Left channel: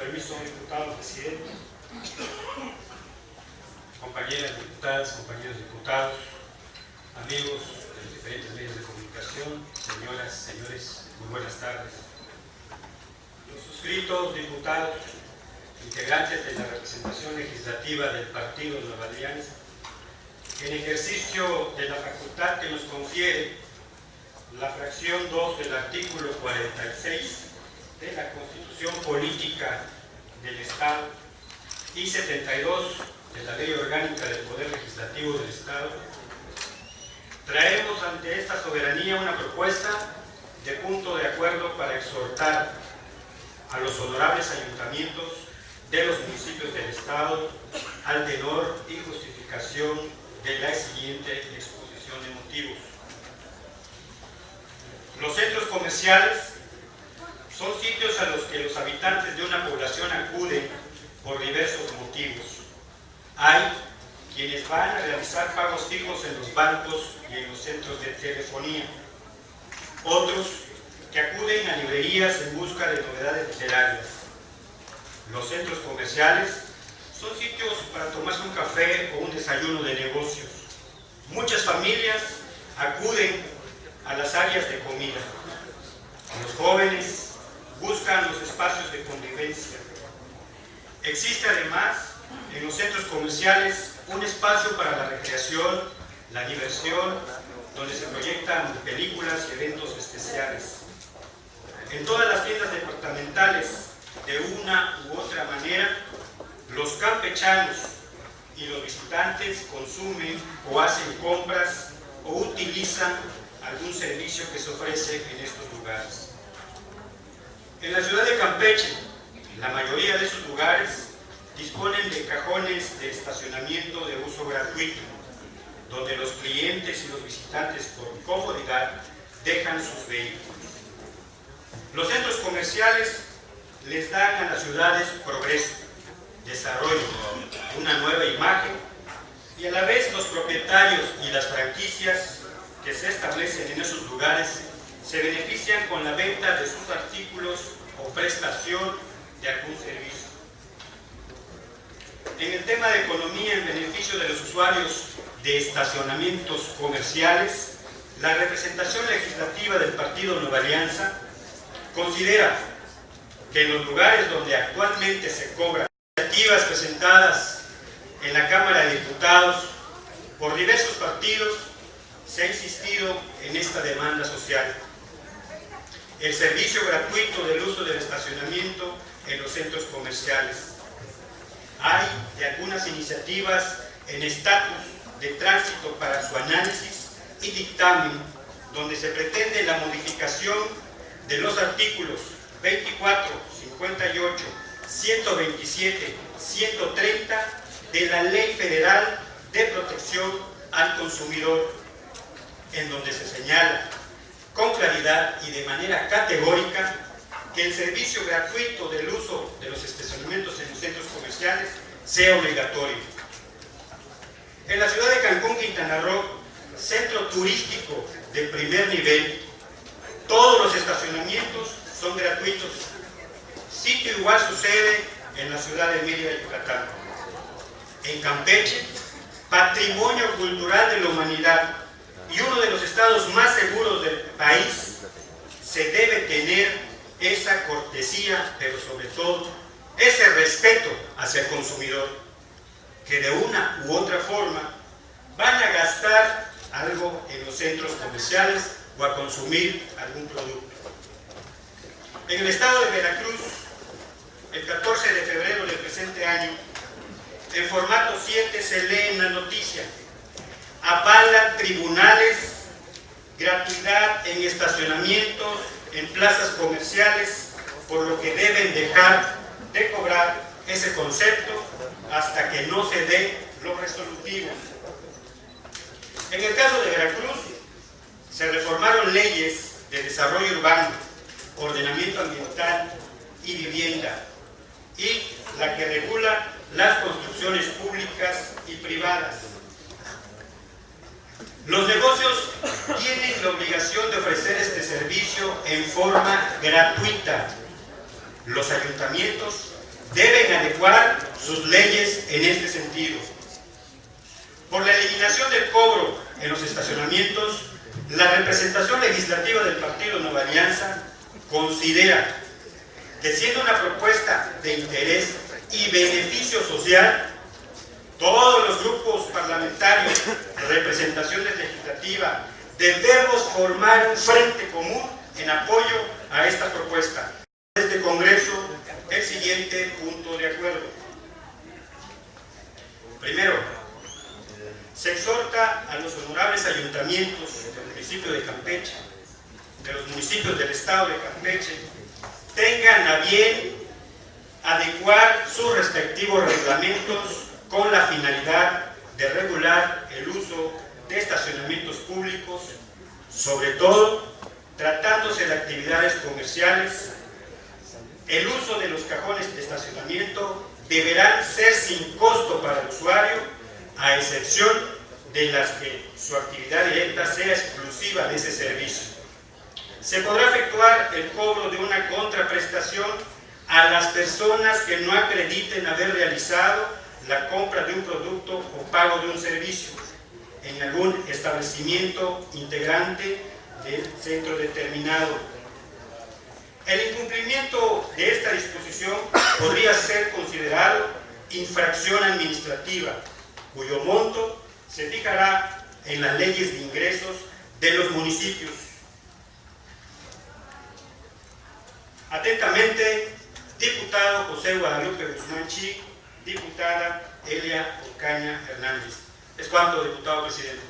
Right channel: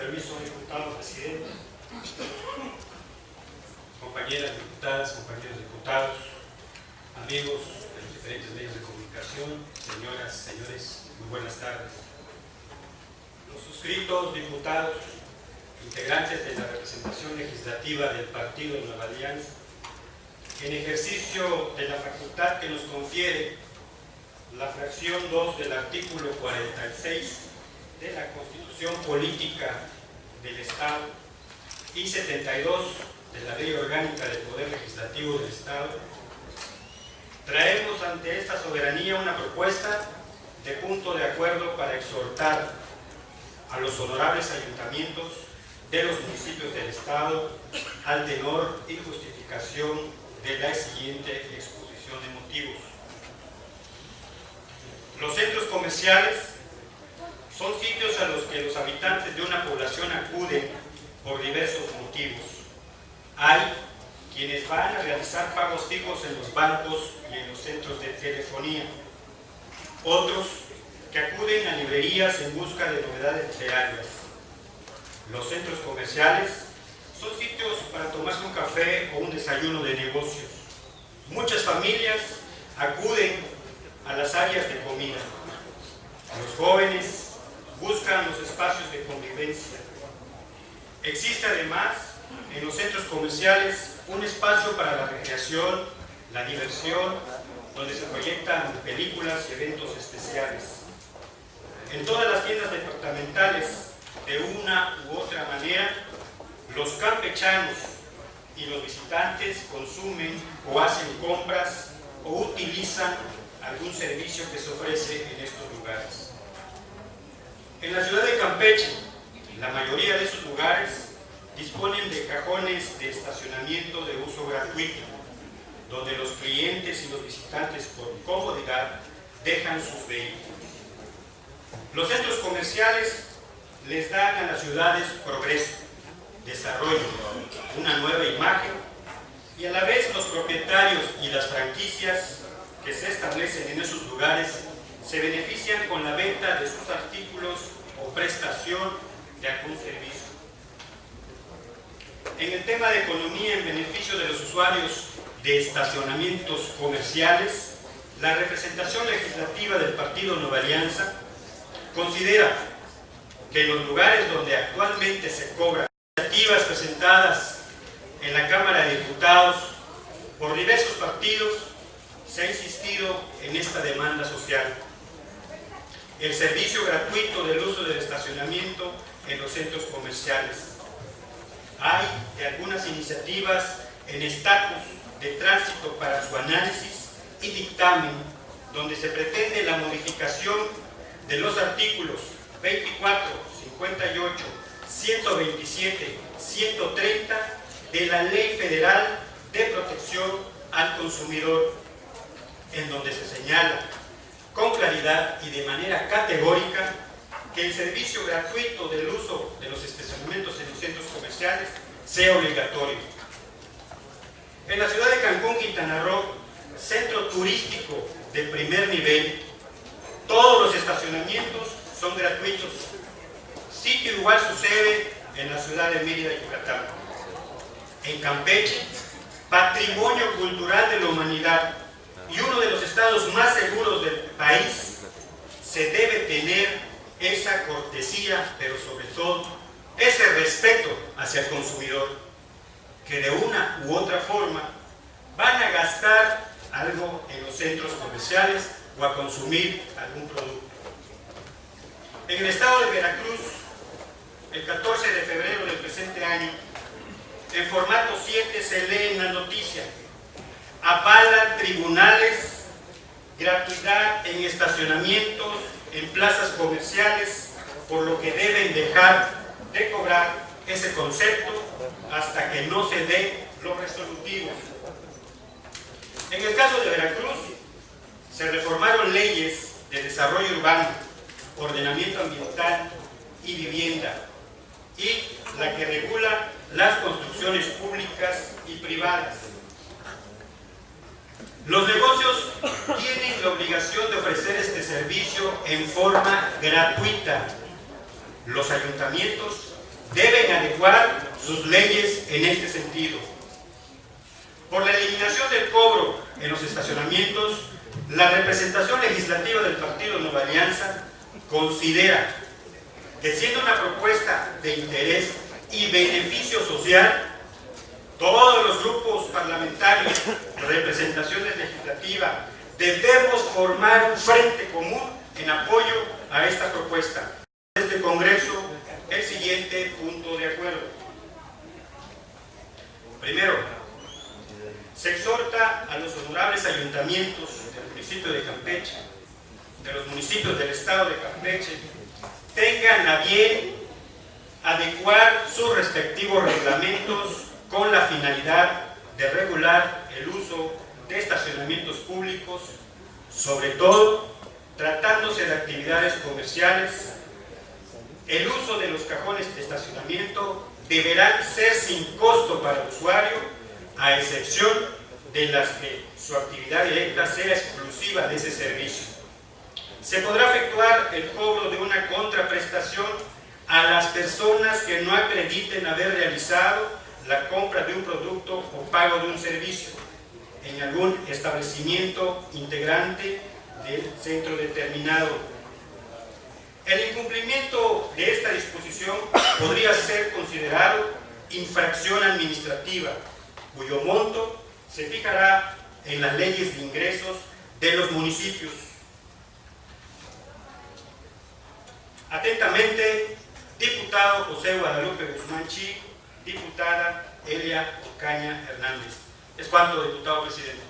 permiso, diputado presidente, compañeras diputadas, compañeros diputados, amigos de los diferentes medios de comunicación, señoras, señores, muy buenas tardes. Los suscritos diputados, integrantes de la representación legislativa del Partido Nueva Alianza, en ejercicio de la facultad que nos confiere la fracción 2 del artículo 46 de la Constitución Política del Estado y 72 de la Ley Orgánica del Poder Legislativo del Estado, traemos ante esta soberanía una propuesta de punto de acuerdo para exhortar a los honorables ayuntamientos de los municipios del Estado al tenor y justificación de la siguiente exposición de motivos. Los centros comerciales son sitios a los que los habitantes de una población acuden por diversos motivos. Hay quienes van a realizar pagos fijos en los bancos y en los centros de telefonía. Otros que acuden a librerías en busca de novedades literarias. Los centros comerciales son sitios para tomarse un café o un desayuno de negocios. Muchas familias acuden a las áreas de comida. Los jóvenes buscan los espacios de convivencia. Existe además en los centros comerciales un espacio para la recreación, la diversión, donde se proyectan películas y eventos especiales. En todas las tiendas departamentales, de una u otra manera, los campechanos y los visitantes consumen o hacen compras o utilizan algún servicio que se ofrece en estos lugares. En la ciudad de Campeche, la mayoría de esos lugares disponen de cajones de estacionamiento de uso gratuito, donde los clientes y los visitantes por comodidad dejan sus vehículos. Los centros comerciales les dan a las ciudades progreso, desarrollo, una nueva imagen, y a la vez los propietarios y las franquicias que se establecen en esos lugares se benefician con la venta de sus artículos o prestación de algún servicio. En el tema de economía en beneficio de los usuarios de estacionamientos comerciales, la representación legislativa del Partido Nueva Alianza considera que en los lugares donde actualmente se cobran iniciativas presentadas en la Cámara de Diputados por diversos partidos, se ha insistido en esta demanda social. El servicio gratuito del uso del estacionamiento en los centros comerciales. Hay de algunas iniciativas en estatus de tránsito para su análisis y dictamen, donde se pretende la modificación de los artículos 24, 58, 127, 130 de la Ley Federal de Protección al Consumidor, en donde se señala con claridad y de manera categórica que el servicio gratuito del uso de los estacionamientos en los centros comerciales sea obligatorio. En la ciudad de Cancún, Quintana Roo, centro turístico de primer nivel, todos los estacionamientos son gratuitos. Sitio igual sucede en la ciudad de Mérida, Yucatán. En Campeche, patrimonio cultural de la humanidad y uno de los estados más seguros del país, se debe tener esa cortesía, pero sobre todo ese respeto hacia el consumidor, que de una u otra forma van a gastar algo en los centros comerciales o a consumir algún producto. En el estado de Veracruz, el 14 de febrero del presente año, en formato 7 se lee en la noticia: avalan tribunales gratuidad en estacionamientos en plazas comerciales, por lo que deben dejar de cobrar ese concepto hasta que no se dé lo resolutivo. En el caso de Veracruz, se reformaron leyes de desarrollo urbano, ordenamiento ambiental y vivienda, y la que regula las construcciones públicas y privadas. Los negocios tienen la obligación de ofrecer este servicio en forma gratuita. Los ayuntamientos deben adecuar sus leyes en este sentido. Por la eliminación del cobro en los estacionamientos, la representación legislativa del Partido Nueva Alianza considera que, siendo una propuesta de interés y beneficio social, todos los grupos parlamentarios, representaciones legislativas, debemos formar un frente común en apoyo a esta propuesta. Este Congreso, el siguiente punto de acuerdo. Primero, se exhorta a los honorables ayuntamientos del municipio de Campeche, de los municipios del estado de Campeche, tengan a bien adecuar sus respectivos reglamentos con la finalidad de regular el uso de estacionamientos públicos, sobre todo tratándose de actividades comerciales. El uso de los cajones de estacionamiento deberán ser sin costo para el usuario, a excepción de las que su actividad directa sea exclusiva de ese servicio. Se podrá efectuar el cobro de una contraprestación a las personas que no acrediten haber realizado la compra de un producto o pago de un servicio en algún establecimiento integrante del centro determinado. El incumplimiento de esta disposición podría ser considerado infracción administrativa, cuyo monto se fijará en las leyes de ingresos de los municipios. Atentamente, diputado José Guadalupe Guzmán Chi, diputada Elia Ocaña Hernández. Es cuanto, diputado presidente.